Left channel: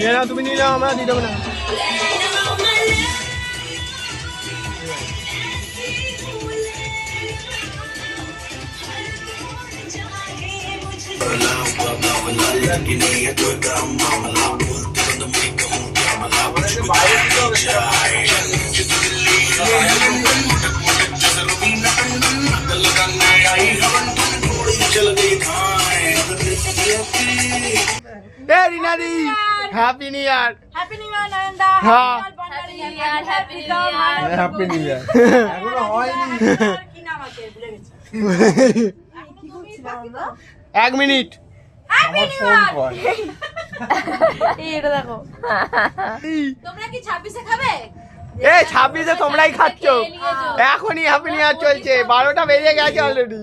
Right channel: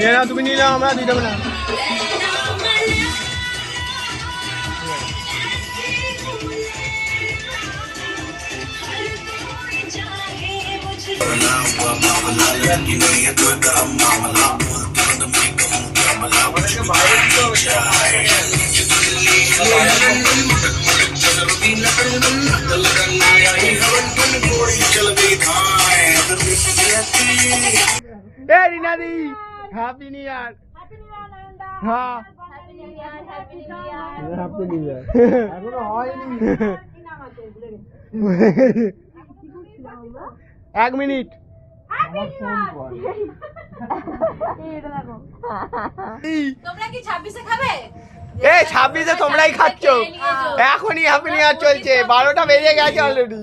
নিয়ে নাও, তুমি নিয়ে নাও, আমরা দিতে হবে না। Happy new year. Happy new year নয়নদা। হ্যাঁ হ্যাপি নিউ ইয়ার। এখনো হয়নি। কি নাম আছে ভুলে গেছি। 1 মিনিট। হ্যাপি নিউ ইয়ার। এই এটা দেখো। তোমরা কি 26 এ খাবে? এই 26-এ তোমরাই খাচ্ছ, এখনই হ্যাপি নিউ ইয়ার চলছে, 12টা বেজে গেছে অলরেডি।